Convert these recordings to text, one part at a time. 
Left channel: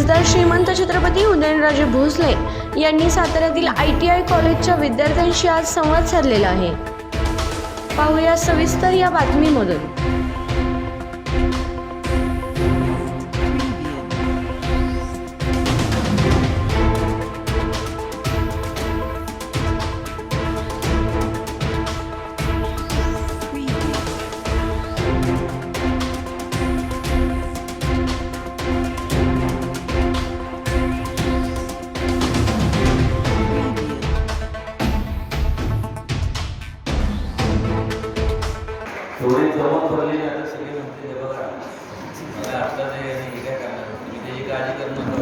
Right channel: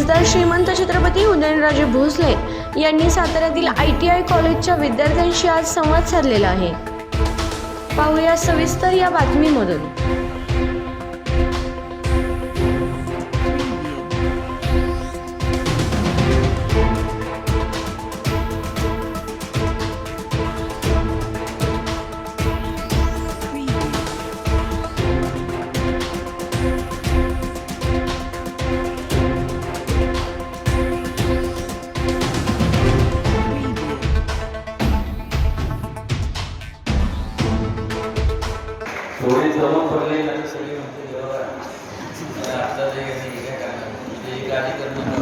खासदार श्रीमंत छत्रपती उदयनराजे भोसले यांनी साताऱ्यातील ITI कॉलेजच्या विद्यार्थ्यांशी आज संवाद साधलेला आहे. पाहूया सविस्तर या बातमीमधून. थोडी जवळ पडली आता सगळी म्हणते बघा मला आता ते हे काय करणार तुम्ही त्याची काळजी करू नका.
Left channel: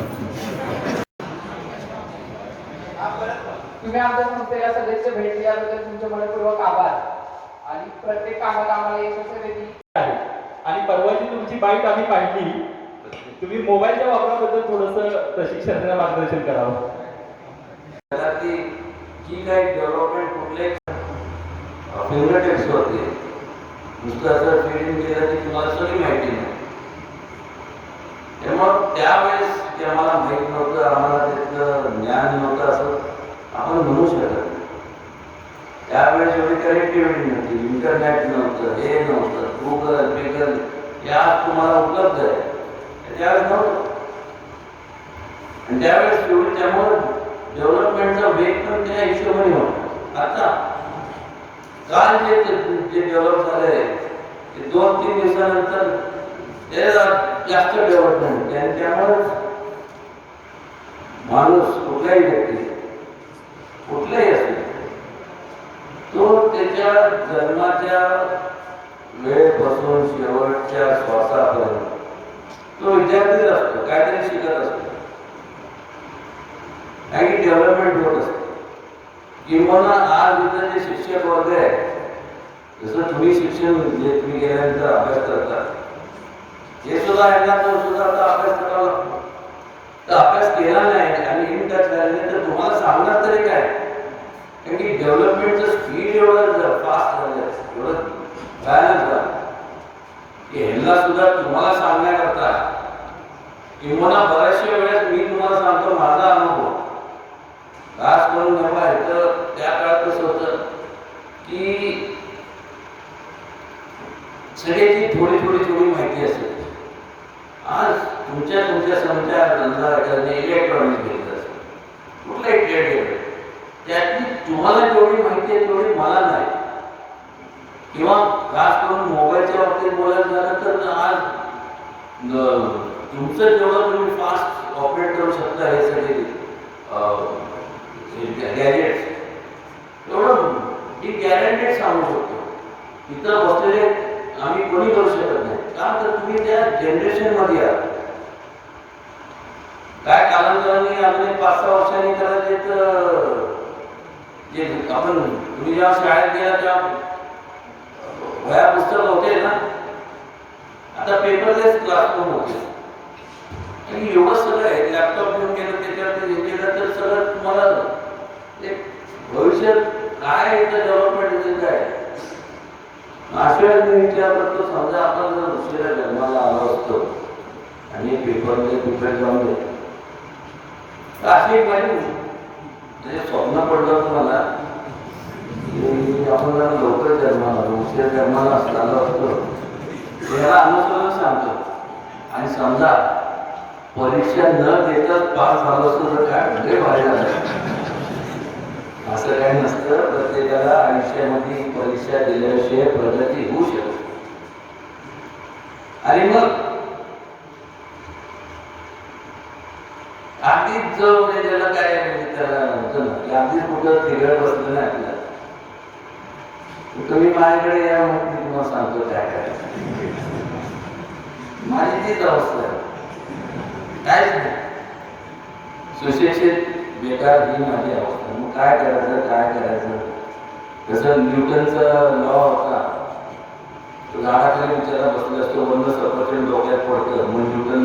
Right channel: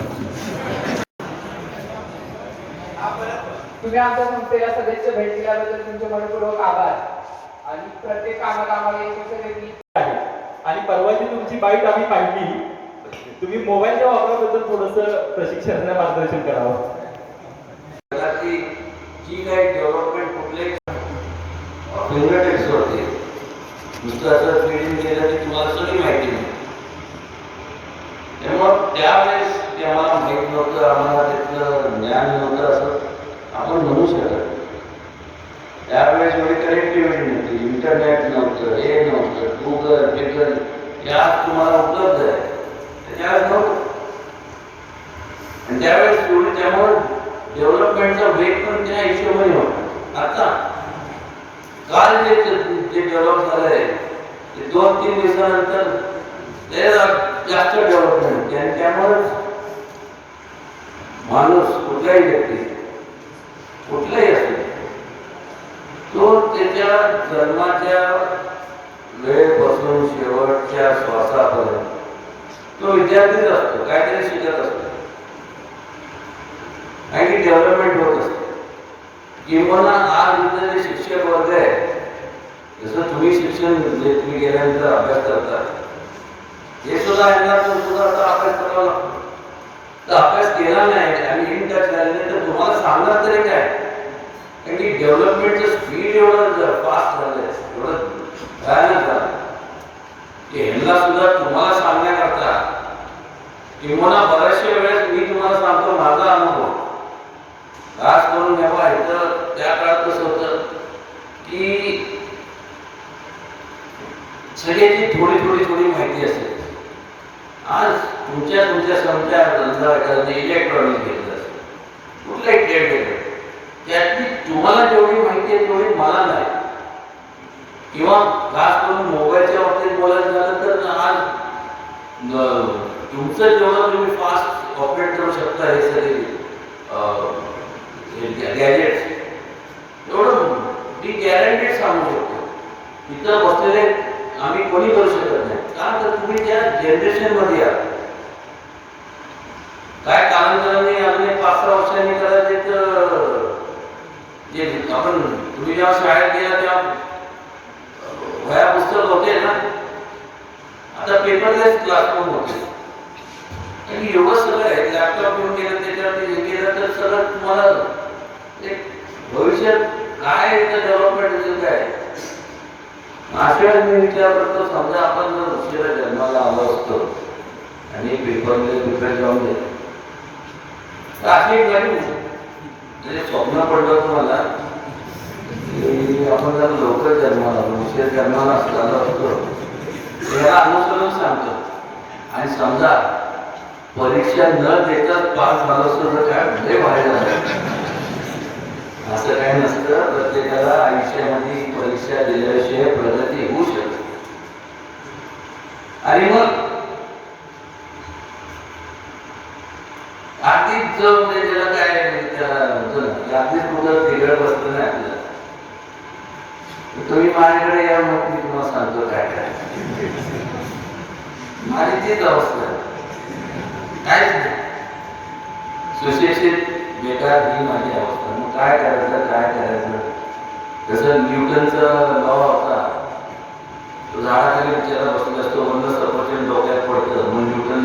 तुम्ही आमच्या संस्थेला सदस्य भेट दिल्याबद्दल तुमचे मनपूर्वक आभार आणि प्रत्येक कामात आम्हाला यशस्वी देखील आहे. आणि परवाची तुमची बाईट आम्ही पाहिली. तुम्ही मोबाईलच्या वापराबद्दल थोडंसं प्रशिक्षणाला मार्गदर्शन करावं. जी काही डेव्हलपमेंट कुठल्याही फिंगरटिप्स होते नुसतं असं फिडिंग केलं की तुम्हाला सगळी माहिती नाही. त्यामुळं त्यावेळेस ते आम्हाला माहीत नव्हतं, आम्हाला त्यातलं ज्ञान नव्हतं असं आपण म्हणू शकत. त्यावेळेस एवढी कनेक्टिव्हिटी नव्हती, इंटरनेट नव्हतं, हे नव्हतं, गुगल पिगल या तुम्हाला उपलब्ध आहे त्यावेळेस नव्हतं. आणि त्यावेळेस एवढी त्यामुळं डेव्हलपमेंटचा वेग पण त्या हिशोबाने होता. आता काल जे डेव्हलप झालं आहे ते 2-3 दिवसानंतर ते जास्त डेव्हलपमेंट आणि त्यामुळं माणूस कुठलाही व्यक्ती कुठलाही असेल तो त्याच्या जन्माच्या वेळेपासून शेवटच्या श्वासापर्यंत तो विद्यार्थीच असतो, काहीतरी शिकत असतो, काही डेव्हलपमेंट होत असते. किंवा आज इथं जे शिक्षक वर्ग आहे जसं तुम्ही शिक्षण तुम्ही गेल्यानंतर अभ्यास करता हे सुद्धा यांना तो सुद्धा आता अभ्यास करावा लागतो. तर अभ्यास केला नाही आणि इन टच झाले नाही तर तुम्हाला सांगणार तरी काय, कारण की डेव्हलपमेंटचं स्पीड एवढं फास्ट झालं आहे, एवढं भयानक झालं की ह्यांना सुद्धा तुम्हाला सांगण्याकरता किंवा बऱ्याचशा वेळेस मी तुम्हाला सांगतो माझा अनुभव खास करून तेव्हा इथं त्या काळात कसं होतं की सगळ्याची थोडी माहिती असेल. आज तुमच्या समजा इलेक्ट्रॉनिक घेतलं असेल, कुठलाही ट्रेड घेतलं त्यातली तुम्हाला जेवढी माहिती आहे तेवढी मला नाही. किंवा खास करून मोबाईलच्या बाबतीत बोलायचं झालं तर आज तुमचं जेवढं तुम्ही फास्ट ऑपरेट करू शकता हे सगळे गॅजेट्स एवढं मी गॅरंटेड सांगू शकतो. इथं बसलेले आम्ही कोणी करू शकत नाही, कारण तर तुम्ही त्या जनरेशनमध्ये आहात. काय कालांतराने अजून 5-6 वर्षांनी करायचे तर जे आपण तुम्ही जेव्हा शाळेत गेला तेव्हा वह्या पुस्तक होते ना, आता पेपरलेस क्लासरूम होते आणि एवढं सगळं आहे. लॅपटॉप घेऊन गेलं त्याच्यावरती हे केलं तर सगळं तुम्हाला एक भविष्यात काय डेव्हलपमेंट काय अशा मी विचार करतो. समजा आपण जर दुसऱ्या जन्माला आलो असतो आणि पेपरले कुठे जाऊन दे तर अशी एक गाडी म्हणजे स्वप्न पडलं तुम्हाला की आपण जर लवकर जन्माला दुसऱ्या जन्माला असलेलो असतो त्याला अनुसरून सांगतो. आणि समजा परीक्षा न देताच पास झालं असतं तर काय म्हणजे व्हायला झालं. असं काही नसतं. प्रत्येकाला आयुष्यामध्ये परीक्षा दिल्याशिवाय प्रगती होऊ शकते. आणि मग आधीच जो त्याला काय त्याला होतं आधीच कुठं तिघड बसलं नाही आपल्याला तुम्ही माझ्याकडे या मग मी तुम्हाला सांगतो काय काय माझी तीच अवस्था आहे. काहीच नाही, सुशिक्षित बेकार ही माझी अवस्था. मग काय करायचं जसं न्यूटनचा लॉ होता, तो झाडाखाली विचारला बसला असतो, बंद सफरचंद डोक्यात पडतं. मग न्यूटन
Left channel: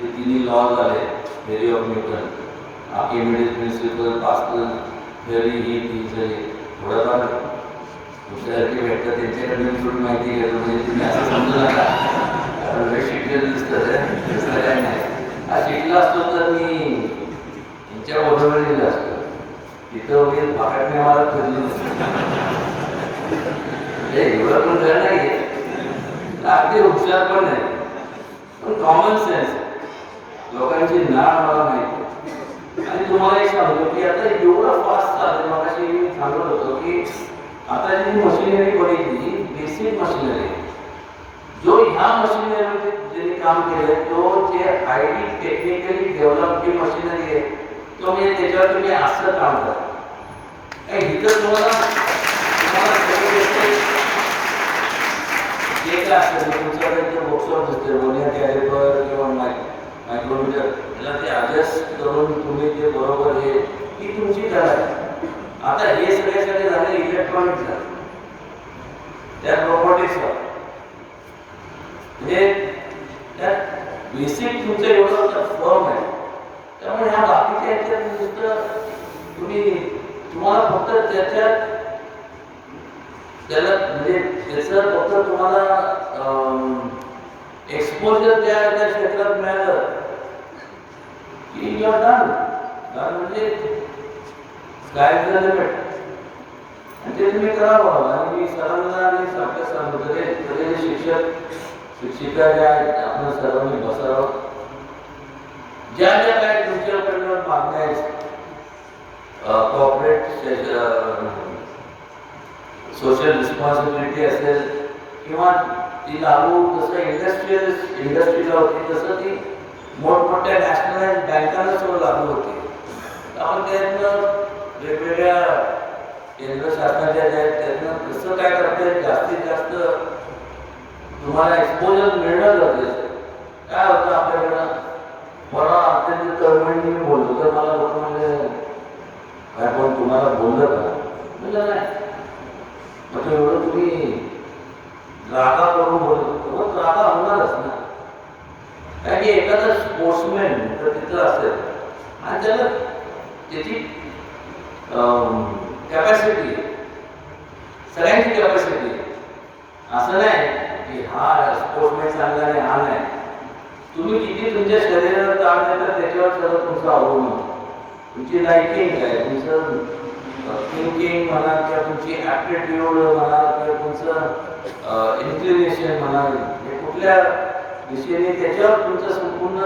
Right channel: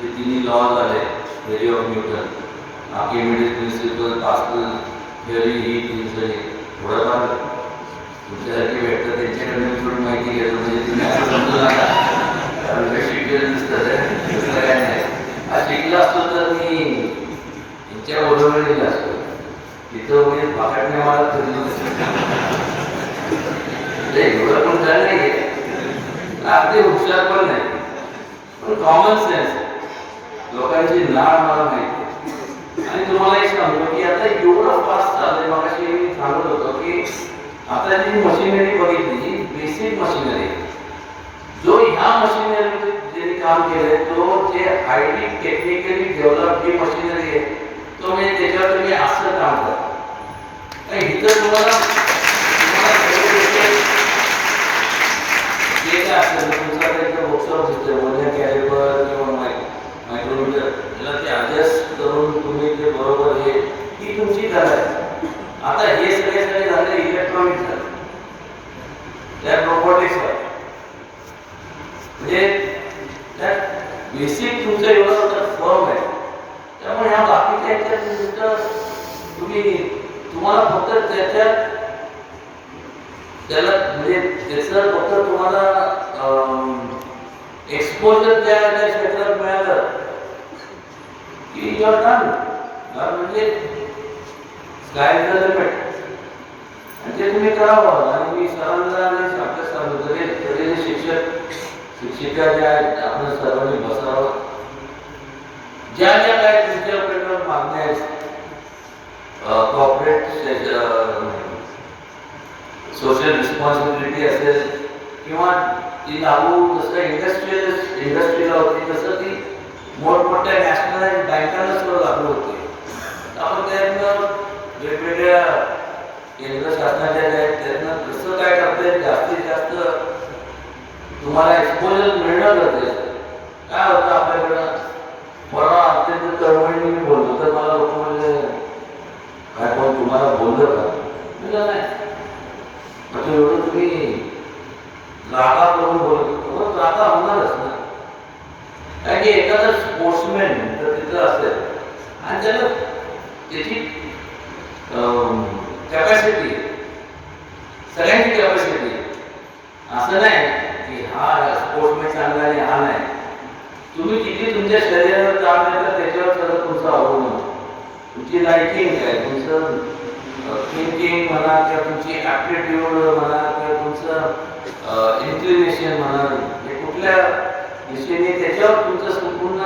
ते तिन्ही लॉ झाले, theory of Newton, Archimedes principle, Pascal theory, ही प्रिन्सिपल. थोडंफार तुमच्यासारखी भेटतं त्यांच्याकडे थोडी माहिती घेतो म्हणजे तुम्ही असं समजू नका, शिकलेलं दिसतं दुसरं काय नाही. हा शिकला असतो तर मी यांच्या बरोबर गेला असतो. तिथं मी पाकटने मला फिरली एवढं पण झालं नाहीये, अगदी हुशार पण नाही, पण कॉमन सेन्स लोकांची नाळ मला माहिती. आणि तुम्हाला एक सांगतो की आता एवढं फास्ट चाललंय. मगाशी मी सांगत होतो की आता जी मशिनरी बघितली, जी बेसिक मशिनरी, जो ह्या मशिनरी ज्यांनी काम केलंय तो जे हायली टेक्निकली डेव्हलप जी मशिनरी आहे, तो म्हणजे त्याच्यावर तुम्ही असं काम करा. इथं तुम्हाला जे काय असेल तुमचा त्यांचं बॉक्सवर दिसतोय म्हणजे कॅलिपर किंवा मायक्रोमीटरला ते ॲडजस्ट करून तुम्ही ते बरोबर हे ही तुमची कला आहे. आता हे सगळे झाले इलेक्ट्रॉनिक झाले, त्यात रोबोटिक्सवर म्हणजे त्यात बेसिक तुमचं एवढं तर फॉर्म आहे. त्यामुळे ह्या बाकीच्या याच्यात नुसतं तुम्हाला फक्त त्याला म्हणजे त्याचं फक्त तुम्हाला एक्सपोजर त्या क्षेत्रात मिळालं की यू आर डन. म्हणजे स्काय इज द लिमिट आणि ते तुम्ही करावं. आणि मी सरांना आणि आपल्या सरांना शिक्षक शिक्षिका ज्या आहेत आपण सर्वांनी बसावं. ज्या ज्या काय तुमच्याकडे मागण्या आहेत, कॉर्पोरेट सोशल रिस्पॉन्सिबिलिटी असेल किंवा ती लागू जसं इंडस्ट्रीला होती तसं ती मोठमोठ्या नॅशनलाइज बँकांना सुद्धा लागू होती. आपण त्यातनं वेगवेगळ्या केंद्र शासनाच्या ज्या आहेत त्यातनं कसं काय करता जास्तीत जास्त तुम्हाला एक्सपोजर मिळणं गरजेचं. काय होतं आपल्याकडं, मला अत्यंत तळमळीने मी बोलतो तर मला लोक म्हणजे काय कोण तुम्हाला बोललं का, बोललं नाही. मग एवढं तुम्ही रागा करून बोलतो, रागा होणारच ना. कारण की एखादा स्पोर्ट्समॅन तर तिथं असेल आणि त्याला त्याची कॅपॅसिटी, सगळ्यांची कॅपॅसिटी, असं नाही की हा स्पोर्ट्समॅन चांगला आहे हा नाही. तुम्ही किती तुमच्या शरीरावर काम देता त्याच्यावर सगळं तुमचं अवलंबून, तुमची लाइकिंग आहे, तुमचं थिंकिंग म्हणा किंवा तुमची ॲप्टिट्यूड म्हणा किंवा तुमचं इन्क्लिनेशन म्हणा, हे कुठल्या दिशेने त्याच्यावर तुमचं संपूर्ण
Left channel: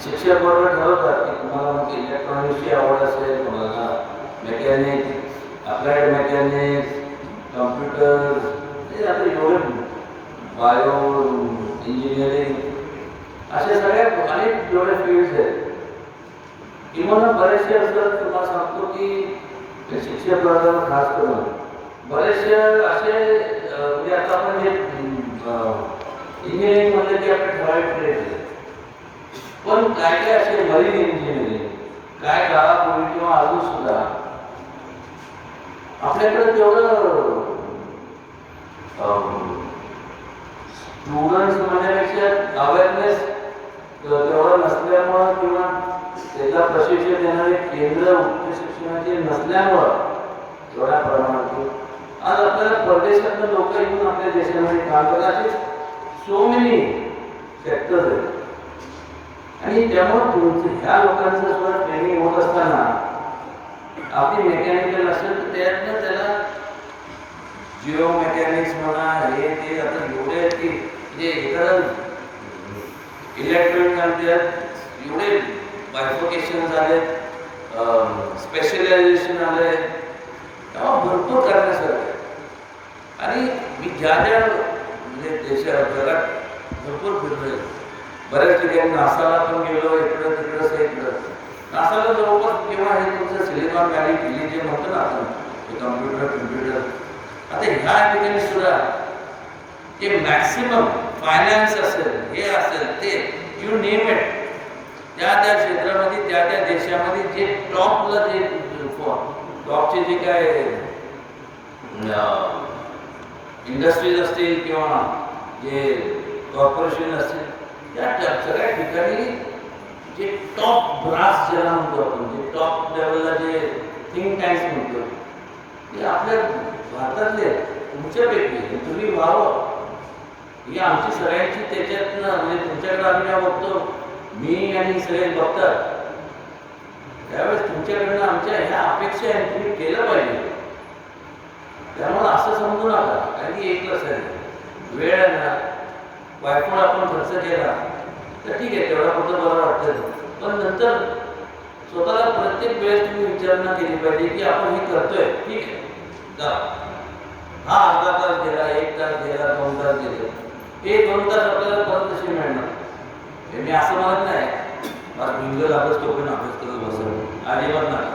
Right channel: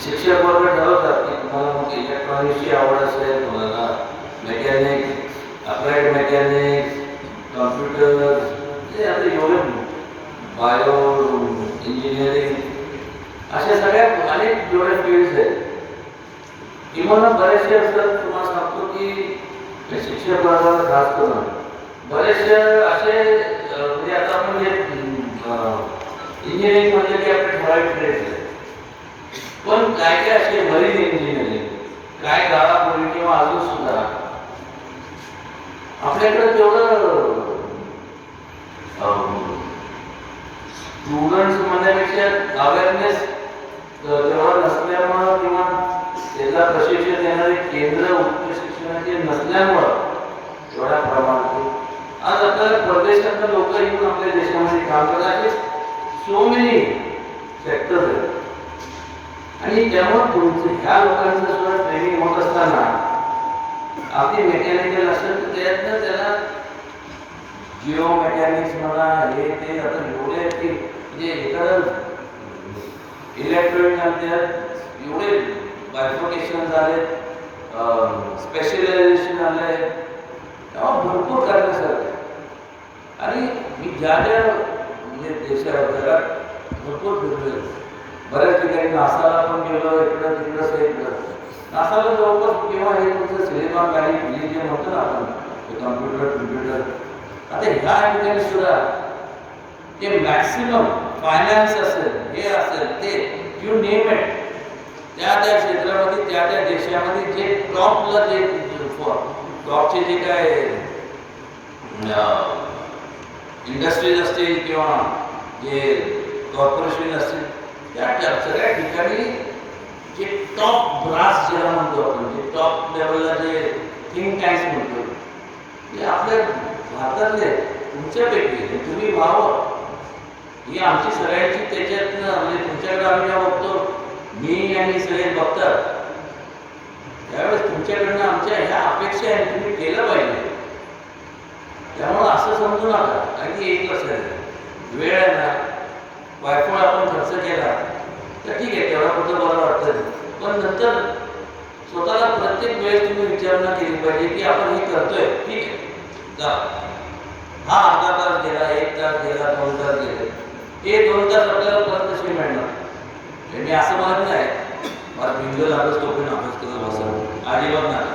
शिक्षक बरोबर ठरवतात की तुम्हाला मग इलेक्ट्रॉनिक्सची आवड असेल, तुम्हाला मेकॅनिक्स, अप्लाइड मेकॅनिक्स, कॉम्प्युटर, हे आता एवढे बायो इंजिनिअरिंग, अशा सगळ्या अनेक जेवढे फील्ड्स आहेत. किंवा बरेचसे असं तुम्हाला सांगतो की शिक्षक वर्गाला खास करून बरेचसे असे म्हणजे आता आपण जे इंजिनिअरिंग म्हणजे की आपले ठराविक ट्रेड आहे, पण काय काय असे मरीन इंजिनिअरिंग काय काळापूर्वी किंवा अजून सुद्धा आपल्याकडे तेवढं स्टुडंट्स म्हणण्यापेक्षा अवेअरनेस तेवढं नसल्यामुळं किंवा त्याला प्रशिक्षण देणारे केंद्र उच्च शिक्षणाचे नसल्यामुळं एवढ्या प्रमाणात आज आपल्याला परदेशातून लोक येऊन आपल्या देशामध्ये काम करतात. सो मेनी सेक्टर्स आहेत आणि त्यामुळे तुमचे ह्या लोकांचं सुद्धा ट्रेनिंग होत असताना अगदी मेकॅनिकल असेल तर त्यातनं त्याला जिओ मेकॅनिक्स म्हणा हे ते आता एवढे की म्हणजे एखादं इलेक्ट्रॉनिक त्यात एवढे बायफोकेशन झाले, स्पेशलायझेशन आले, तेव्हा भरपूर करण्यासारखं आहे. आणि मी ज्या ज्या म्हणजे जगात भरपूर फिरलोय, बऱ्याच ठिकाणी नासाला पण गेलो, इकडं तिकडं सगळीकडं. नासाला जवळपास किंवा हे तुमचं सिलिकॉन व्हॅली पिली जे म्हणतो ना आपण कम्प्युटर, आता ह्या ठिकाणी सुद्धा ते मॅक्सिमम फायनान्स असेल, हे असेल ते यू नेम इट, त्या त्या क्षेत्रामध्ये त्या त्या देशामध्ये जे टॉपला जे टॉपचे जे काय इंडस्ट्रीज असतील किंवा जे कॉर्पोरेशन असतील त्या सगळ्या ठिकाणी जे टॉप ब्रास ज्याला म्हणतो आपण, जे टॉप लेवलला जे थिंक टँक्स म्हणतो ते आपल्या भारतातले तुमच्यापैकी तुम्ही व्हावं ही आमची सगळ्यांची त्याच्यातनं म्हणजे तुमच्याकडे आम्ही जेव्हा बघतो, मी आणि सगळे बघतात, त्यावेळेस तुमच्याकडनं आमच्या ह्या अपेक्षा आहे, तुम्ही केलं पाहिजे. त्यामुळं असं समजू नका. कारण की एक लक्षात आहे, वेळ आहे ना, वायफळ आपण खर्च केला तर ठीक आहे, तेवढा कुठं बरं वाटतं. पण नंतर स्वतःला प्रत्येक वेळेस तुम्ही विचारणा केली पाहिजे की आपण हे करतोय, ठीक आहे, जा. हा अर्धा तास गेला, 1 तास गेला, 2 तास गेले, हे 2 तास आपल्याला परत कसे मिळणार? मी असं म्हणत नाही मला बिंग लागच तो पण अभ्यास करत बसत, अजिबात नाही.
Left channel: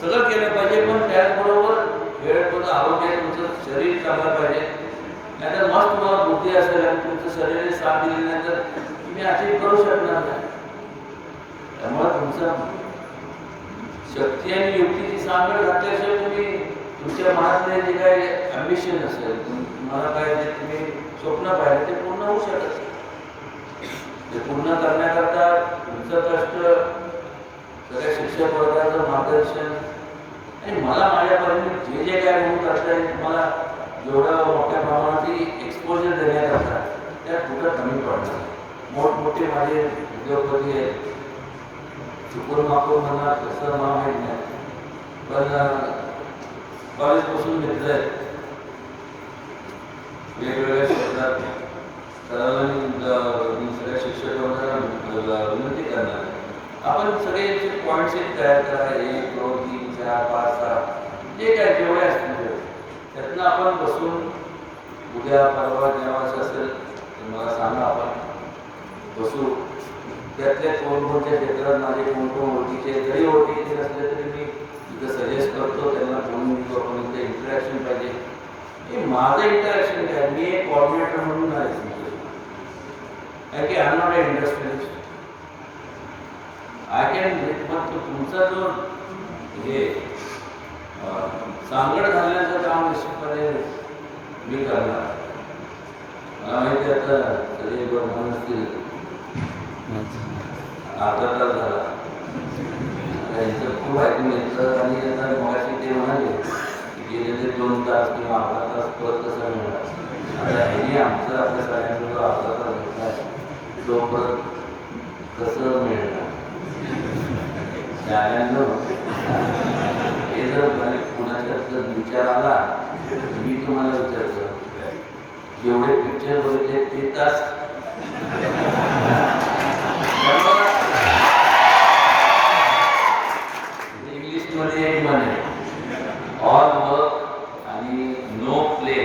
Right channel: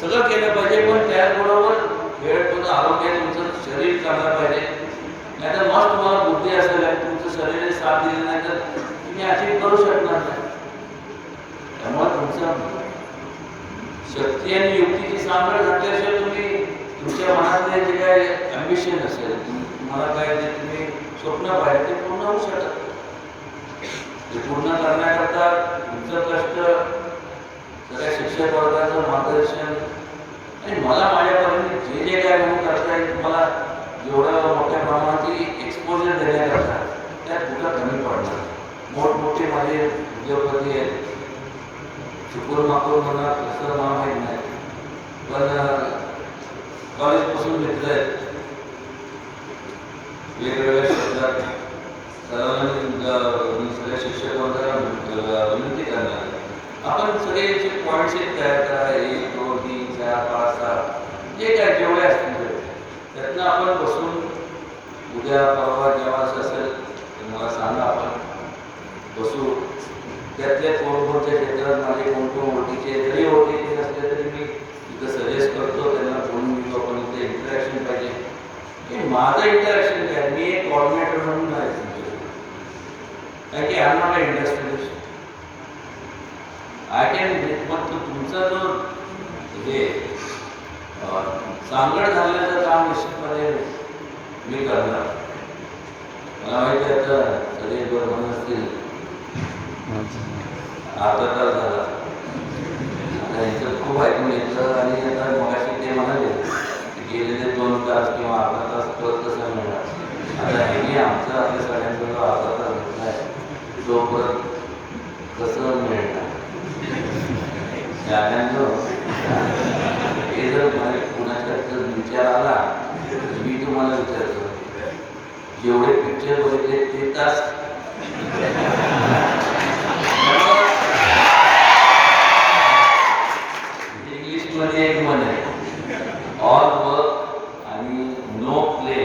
सगळं केलं पाहिजे, पण त्याचबरोबर वेळ पण आरोग्य, तुमचं शरीर चांगलं पाहिजे. नाहीतर मस्त तुम्हाला बुद्धी असेल आणि तुमचं शरीर साथ दिली नाही तर तुम्ही अचीव करू शकणार नाही. त्यामुळे तुमचं शक्ती आणि युक्तीची सांगड घातल्याशिवाय तुम्ही तुमच्या मनातले जे काही अम्बिशन असेल, तुम्हाला काय जे तुम्ही स्वप्न पाहिजे ते पूर्ण होऊ शकत. ते पूर्ण करण्याकरता तुमचं कष्ट, सगळ्या शिक्षक वर्गाचं मार्गदर्शन आणि मला माझ्यापर्यंत जे जे काय म्हणून करता येईल, तुम्हाला जेवढं मोठ्या प्रमाणाची एक्सपोजर देण्याकरता त्यात कुठं कमी पडणार. मोठमोठे माझे उद्योगपती आहेत, चुकून माकून म्हणणार तसं मला माहीत नाही, पण कॉलेजपासून मित्र आहेत, वेगवेगळ्या क्षेत्रात. सर्वांनी सगळ्या शिक्षक वर्गाला विनंती करणार, आपण सगळे याचे पॉईंट्स तयार करा, 1 2 3 4 5 6 जे काय जेवढे असतील त्यातनं आपण बसून उद्या परवा जेव्हा असं असेल तर मला सांगा, आपण बसू. त्यातल्या कोणकोणत्या क्षेत्रात माझे कोण ओळखीचे, जरी ओळखीचे नसले तरी मी तिथं सजेस्ट करतो, त्यांना बोलून घेतो. आपण इथं इंटरॅक्शन पाहिजे. हे माझं इंटरॅक्शन काय, मी एक कॉर्डिनेटर म्हणून नाही तुमचं, कारण की I am not a industrialist. I can, मग तुमचा जो हे सांगड घालण्याचं काम निश्चितपणे मी करणार. मला माहिती आहे आता सगळे बरोबर असतील, अर्धा तास झाला, त्यांचं खूप ऐकून घेतलं आणि आता मगाशी ते म्हणाले गेलेले 2 तास किंवा अर्धा तास परत कसं मिळणार. आता ह्याने आमचं आपल्या सगळ्यांचं अर्धा तास घेतला, तो परत कसं मिळणार. सगळ्यांना हे जर कुणाच्या विचार आला, मी तुम्हाला विचारतो, जेवढे पिक्चर बघितले ते तास इंग्लिशमध्ये एक म्हण आहे, ऑल वर्क आणि नो प्ले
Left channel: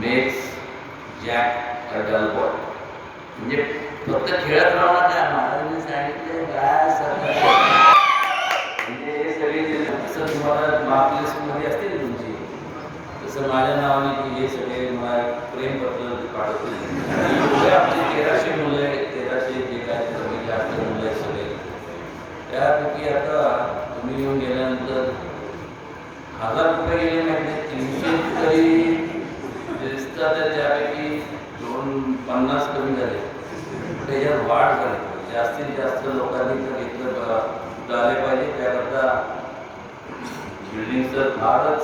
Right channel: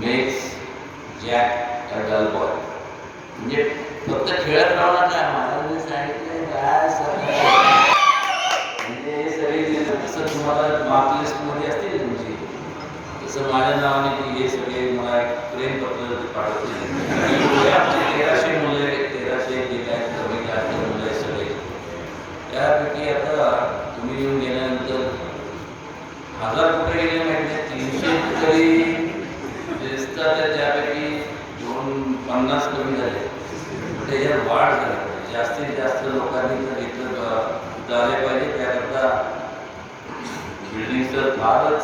मेक्स जॅक अ डल बॉय. म्हणजे फक्त खेळत राहू नका, महाराजांनी सांगितलं काय सगळं म्हणजे हे सगळे जसं तुम्हाला मार्क लिस्टमध्ये असतील तुमची, तसं माझ्या नावाने की हे सगळे मला एक प्रेमपत्र पाठवतील. आमचे 1300 मुलं आहेत, 1300 जे काय कमी जास्त मुलं आहेत सगळे, त्यापैकी आता तुम्ही येऊन गेल्यानंतर 1000 कुठे गेले माहिती नाही, 300 तरी दिसतात, त्यापैकी 50 कमी झाले. त्याच्यात वाढ झाली, जास्तीत जास्त लोकांनी इथं झाले पाहिजे. त्याकरता बिल्डिंगचं फारच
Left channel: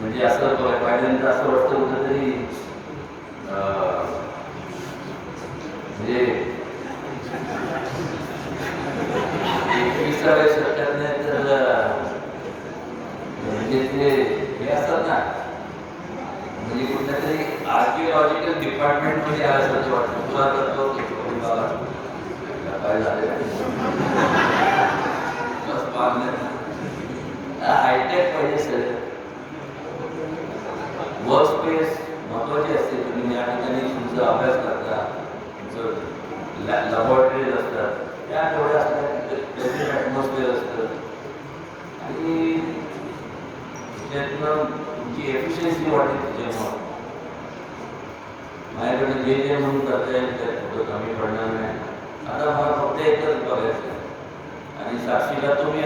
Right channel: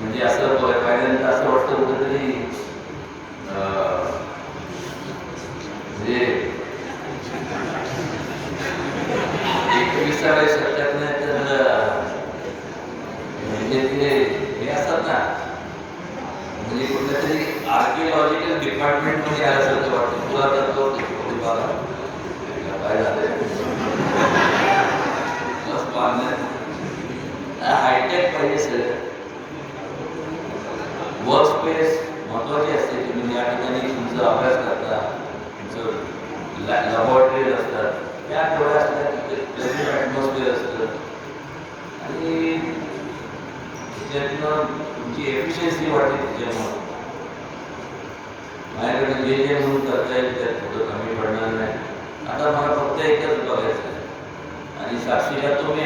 म्हणजे असं कायद्यानंतर असं वाटतं कुठेतरी म्हणजे 21व्या शतकात नाही तर म्हणजे ते हे असतात ना, म्हणजे कुठल्या तरी आर्किओलॉजिकल डिपार्टमेंटमध्ये आल्यासारखं वाटतं. पुरातत्व विभागात काय झालं हायटेक पाहिजे सगळं. वर्क स्पेस महत्त्वाची असते. तुम्ही ज्या ठिकाणी तुमचा अभ्यास करता, तुमचं लॅबॉरेटरीज असतात, त्या थोड्या असतात, ॲटमॉस्फिअर असतं आणि त्याच्यातनं तुमची एफिशियन्सी वाढते. त्याच्यामुळं माझ्याकडे जे जे म्हणून करता येईल त्यात थोडं कमी पडणार नाही. आता मला फक्त एकच बघायचं आणि साक्षीला तुम्ही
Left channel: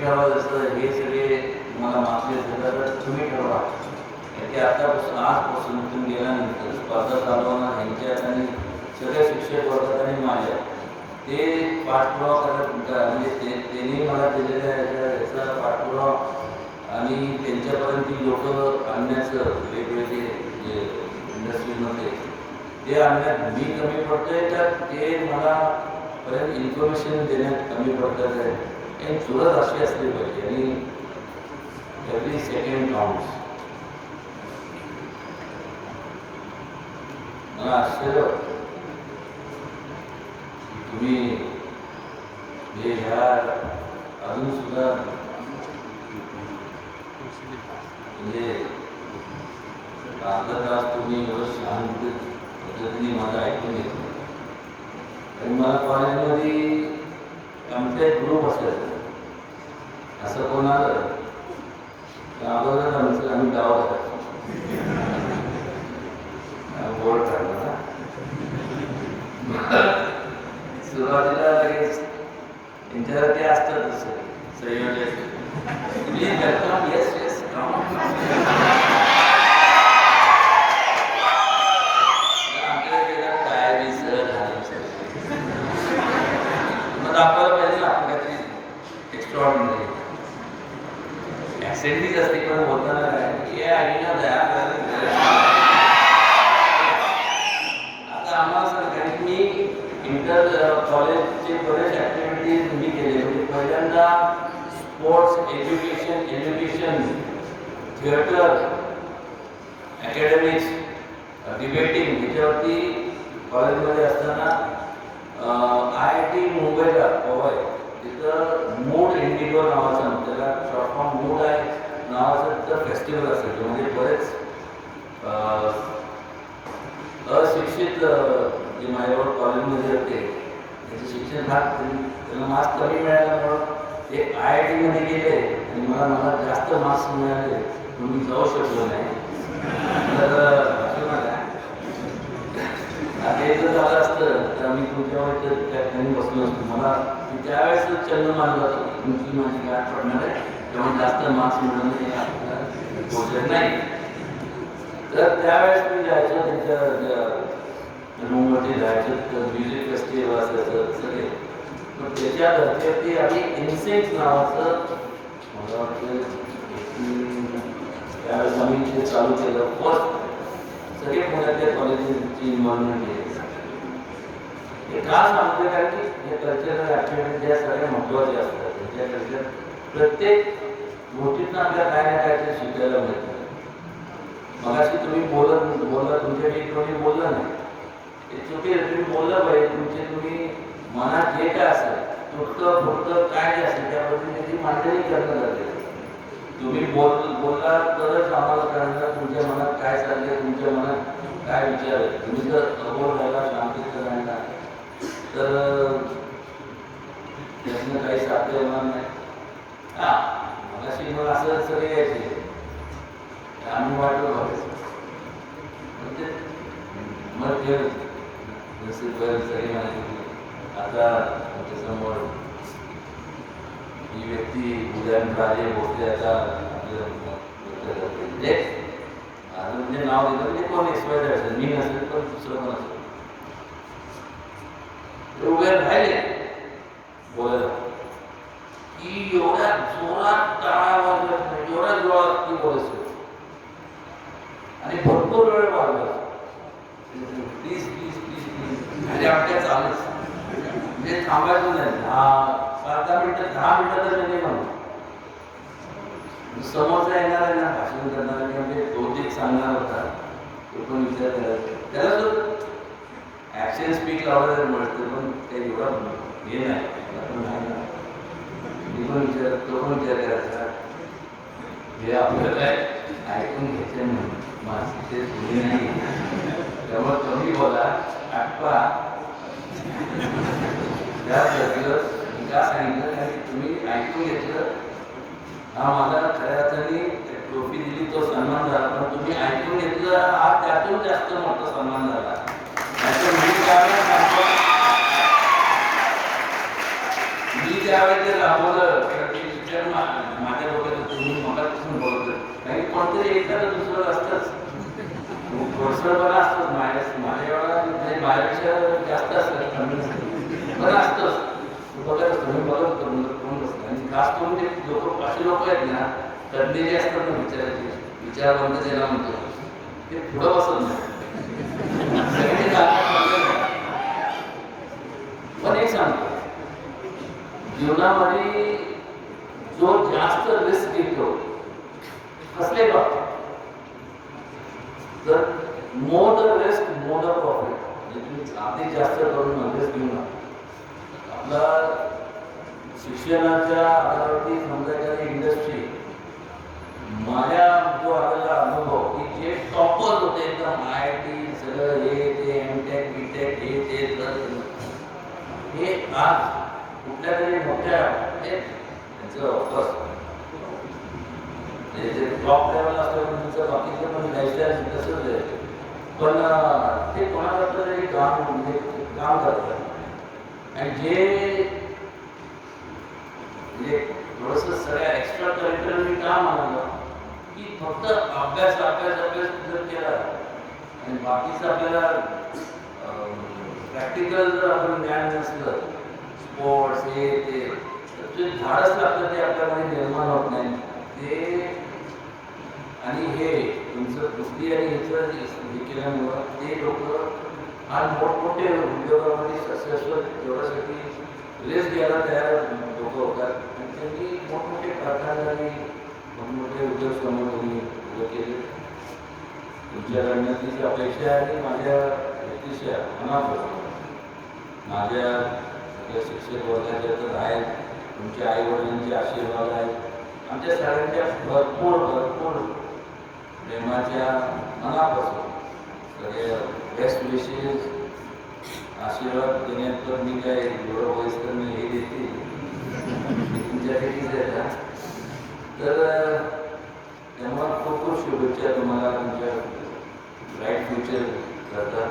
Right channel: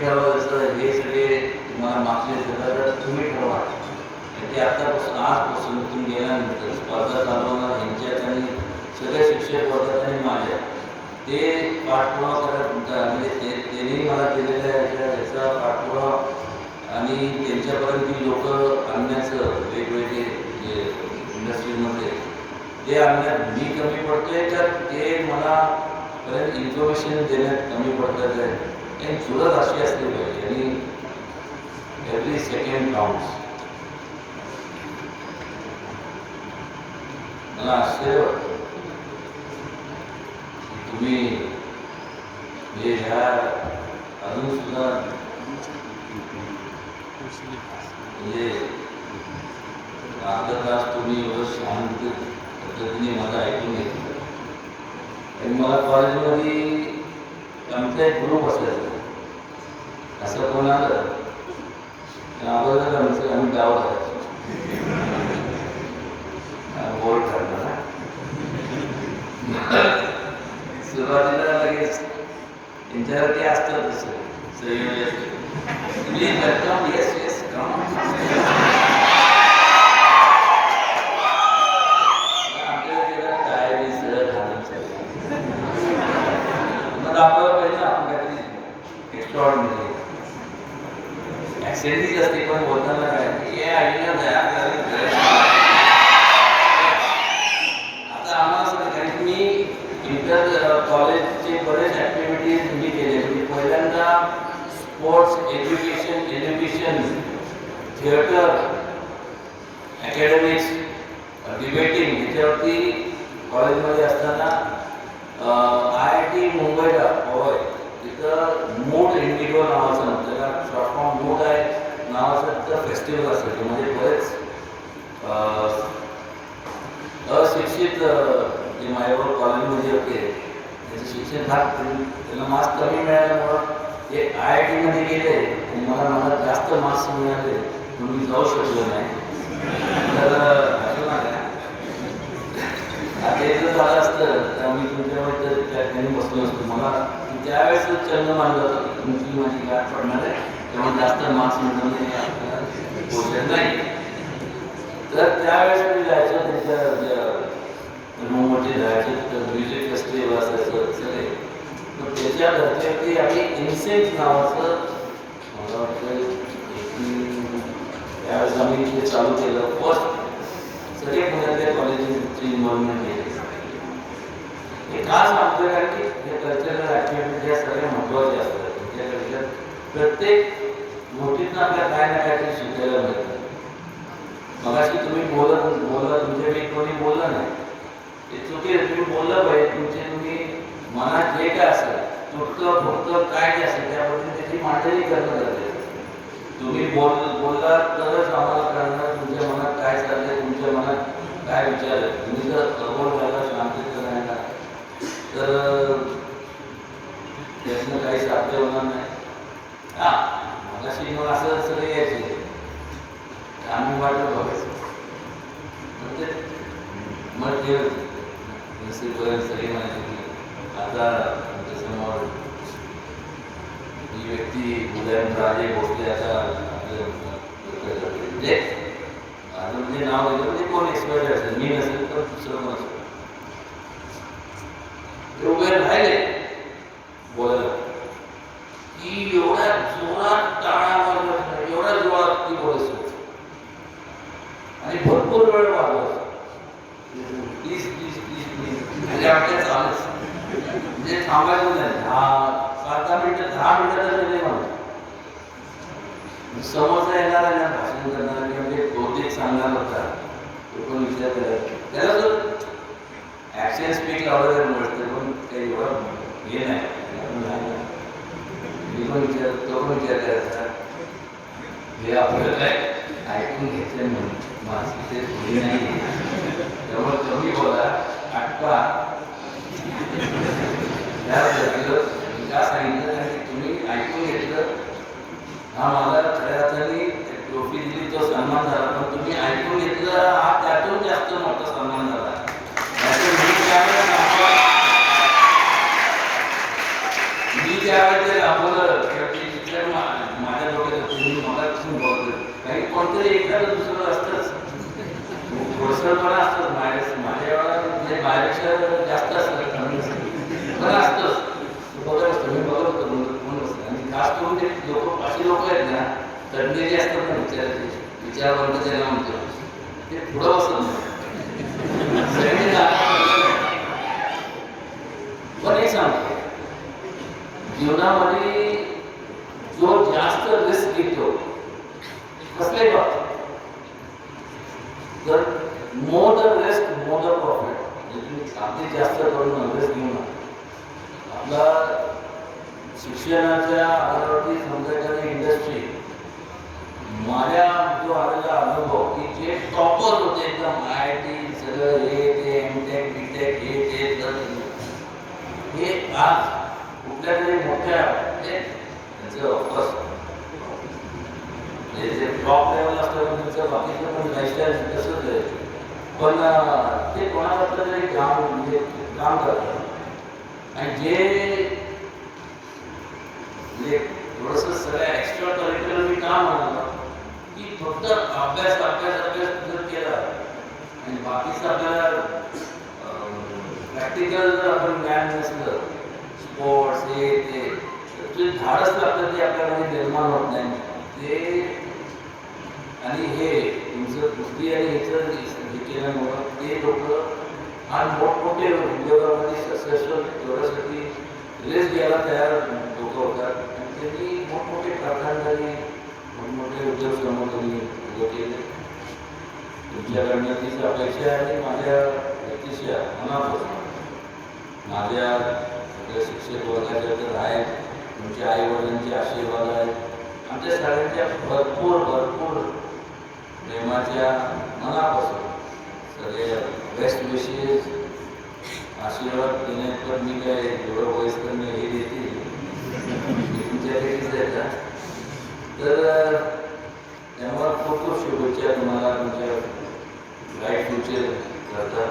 ठरवा. जसं हे सगळे तुम्हाला मागचे झालं तर तुम्ही ठरवा. ते आतापासून आजपासून तुम्ही गेल्यानंतर स्पर्धा चालवणार ह्यांच्यात आणि सगळ्या शिक्षक वर्गात आणि माझ्या ते पाठपुरावा करायला म्हणजे त्यांनी मला दिलेल्या ह्याचा पाठपुरावा आणि त्यांच्यापर्यंत लोक आणण्याचं वेगवेगळे जे इंडस्ट्रीमध्ये ते आणण्यात मी कमी पडतोय तर ते मला पर्यंत इन्फॉर्मेशन देण्यात कमी पडतात आहे आणि सुरत अशी असली पाहिजे आणि एव्हरी सेकंड काउंट्स. मला आश्चर्य वाटतं की तुम्ही हे ह्या अजून सुद्धा म्हणजे अर्धा तास तुम्ही एवढं शांत पद्धतीने माझं ऐकून घेतलं. आणि मला कॉलेजमध्ये आमचा एक ग्रुप असायचा. असं कोण आलं तर अगोदर आम्ही गाव करायचो बोर्ड काढणार. सुरुवातीला लगेच त्यांच्यावर ते असतं तसं संयोजन मी करतो येस येस दाखवायला पाहिजे ना आपण काहीतरी एक्स्ट्रॉर्डिनरी ॲक्सेंटीच असते पण बोलताना काय हे आईला द्या. आता आम्हाला सांगा कारण की मी इंटर कॉलेजचे बरेच ॲक्टिव्हिटीज मी केले. म्हणजे पहिल्यांदा sports education theatre academics debating ह्याच्यावरती कॉलेजमध्ये असताना IIT मुंबईला पवाय तिथं मूड इंडिगो नावाचं त्याला शॉर्ट फॉर्म मूड आहे नावाचं तिथं फेस्टिवल असेल म्हणजे बरेच अशिक्षित जे माझ्यावर कॉलेजमध्ये होते त्याचं शिक्षण त्याला मार्क्स कमी मिळाल्यामुळं एक IIT मध्ये गेले आणि मला जास्त मार्क्स मिळाले तुम्ही जाऊ शकलो नाही. तर ते जर झालं असतं तर मी तुमच्यावर त्या ठिकाणी बसलो असतो. मला त्यावेळेस चलन मानलं होतं की तुमची माझी गाठ पडणार आहे त्यामुळे जास्त मार्क्स मिळवणे गोष्ट नाही. तर त्यावेळेस मी जायचो त्यांच्या मुंबईमध्ये जायचो तिथं म्युझिक फेस्टिवल असायचं सगळे. पण त्याच्या धर्तीवरती आम्ही इन्सिंक नावाचं मला वाटतं त्यावेळेस आम्ही ते चालू केलं. फर्स्ट सगळे पुण्यातल्या कॉलेजची इन्व्हॉल्वमेंट केली. हे का सांगतोय कारण की हे कल्चरल ॲक्टिव्हिटीज ज्या सगळ्या महत्त्वाच्या असतात त्यांच्या प्रत्येक गोष्टीतनं आपल्याला काय ना काहीतरी शिकायला मिळतं. मगाशी तुम्ही बोला तुमच्याकडे कोणी बोललं नाही हे चुकीचं. तुम्ही बोललं पाहिजे तुम्ही मनात जे काय असेल तुटकं फुटकं काय जे असेल त्याबद्दल त्याची मांडणी करणं गरजेचं. तुम्ही बोलला तरच आम्हाला कळणार तुमच्या मनात काय चाललंय तुमच्या मनात काय विचार आहे. तुम्ही जर अगोदर घ्यायला शांतीत राहिला तर त्यातनं काही साध्य होणार नाही. मगाशी मग असं सगळे यायचे आम्ही वाटलं बघायचं मग ते सगळी माहिती की आता तुमच्यासमोर ही व्यक्ती उदयनराजे भोसले आता म्हणजे अजून जे नाव दिलं म्हणजे कोण एक्सपायर असेल मी नसेल तर दुसरं पण असेल ते उभे राहिले बोलायला की एवढ्या जोरात टाळ्या वाजवत एवढ्या जोरात ती बोलायची आणि भरपूर वेळ वाढवत प्लीज प्लीज प्लीज प्लीज म्हणजे आपल्या चालच म्हणजे थांबायचं नाही. 7-10 मिनिटं 10 मिनिटं तर नाही म्हणून समोरचा येणार आहे ना भाषण करणारा म्हणजे बहुतेक सांगणार होता तो पण विचार करायचा त्याला जर ॲक्शन स्पीक लावलं तर मिळतं पण काही एवढं हे नाही. मी पण तो पण विचार करायचा हे आपलं काय ऐकून घ्यायचं नाही माझी ते हे नाही त्यामुळे कमी बोला आटपा त्या व्यक्तीला का सांगितलं कारण की तुम्ही ऐकून घेतलं हा मला खऱ्या अर्थाने ट्रॉफी दिली तो सन्मान झाला पण तुम्ही ऐकून घेतलं हा त्यातून जास्त मोठा सन्मान झाला. मी ज्यावेळेस ते राबवलं विचार माझ्या डोक्यात तुम्ही मगापासून बोलतो काही कोणतरी एखादं दुसरं असतंच घोडसळपणा असतंच माझ्या म्हणजे माझ्यापेक्षा जास्त असतं पण असतंच बघत असतो मी बघत होतो कोण बसतं आणि खास करून ते लोक असे लोक आहेत ना तज्ञ जे असतात ना विचारायचे विचारवंत ज्याला म्हणतो ते पुढं बसत नाही. सगळ्यांनी जागा पण एक सांगतो, जीवनामध्ये जो जास्त रिस्क घेतो कसले बाबतीत तर more the risk more the profit. म्हणजे तुम्ही अगदी जास्त करून रिस्क घेऊ नका. आपला शिक्षणाच्या आधारावरती समजा एखादी इंडस्ट्री, माझ्या जो आलेला अनुभव की जे टॉपर होते एकदम IIT सगळं हे ते MTech BTech हे ते हे आज कुठल्या तरी मोठ्या त्यांचं ऑफर्स जे टॉप लेवल असतं त्यांचं बाकीचं पण लाईफस्टाईल तसंच आहे. पण ते कोणाला तरी काम म्हणजे काम करतात आणि जे म्हणजे थोडंसं सगळ्या एक्स्ट्रा करिक्युलर मी का म्हणालो की फक्त अभ्यास अभ्यास अभ्यास जर केला आणि बाकीचं आपल्याला प्रॅक्टिकल जर आपण ज्ञान नसलं स्पोर्ट्स हे ते जे धाडस लागतं ते आपल्यामध्ये निर्माण होत नाही. ते आणि हे तुमचं कुस्ती आणि ह्याचं हे केल्यामुळं ते लोक आज मोठमोठे उद्योगामध्ये सक्सेसफुल तेवढ्यासाठी रिस्क घ्यायला तयार लोक होतात आणि त्यांनी मोठमोठे कारखानदारी मोठमोठे उद्योग समोर त्यांनी उभं केले. तुमच्याकडनं तीच अपेक्षा आहे. माझ्या अतिशय मनापासून माझ्या सगळ्या शिक्षक वर्गाच्या तर आहेत, तुमच्या आईवडिलांचे आशीर्वाद आहेत, आमच्या सगळ्यांच्या भरपूर भरपूर प्रेमाच्या मनापासून सगळे बेस्ट विशेष आशीर्वाद देण्यात तर मी काय एवढं वयस्कर मी हे देते तुमच्यापैकीच येतात. तर त्यामुळे खूप खूप शुभेच्छा तुम्हाला तुमच्या ब्राईट फ्युचर करता.